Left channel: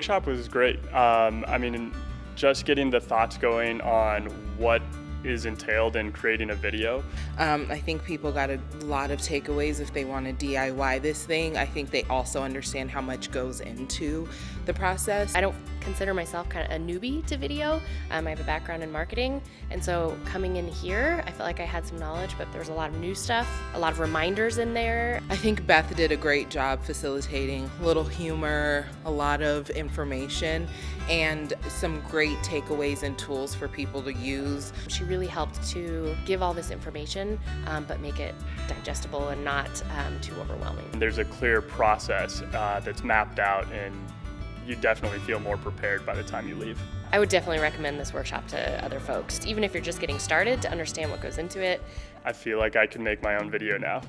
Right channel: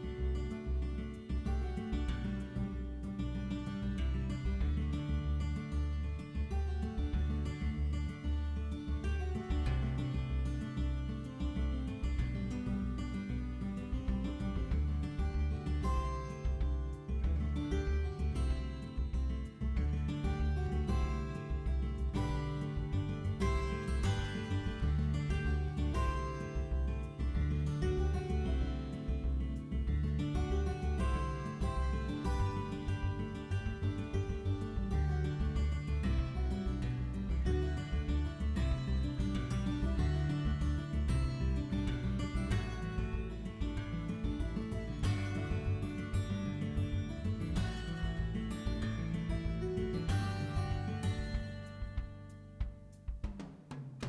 workshop was great. I mean, just getting the thoughts going on what is entailed in creating a video. I think people got a lot of takeaways if they want to DIY this thing. I think they also understand how much goes into the process. I don't consider myself kind of a newbie to video. I have a background in marketing, and so coming in here, I felt like I had some knowledge, but there was a lot of new stuff, a lot of reminders in there. I think Beth did a great job facilitating a little humor, a lot of information, and some great takeaways and tools for people to use. She really helped to give all this information, but make it digestible and not too overwhelming. There's a clear process that's mapped out, and you definitely feel more prepared by the time you leave. I would definitely recommend this workshop to other folks, even if you're just getting started, to understand what goes into it. I feel like I can make my own video now.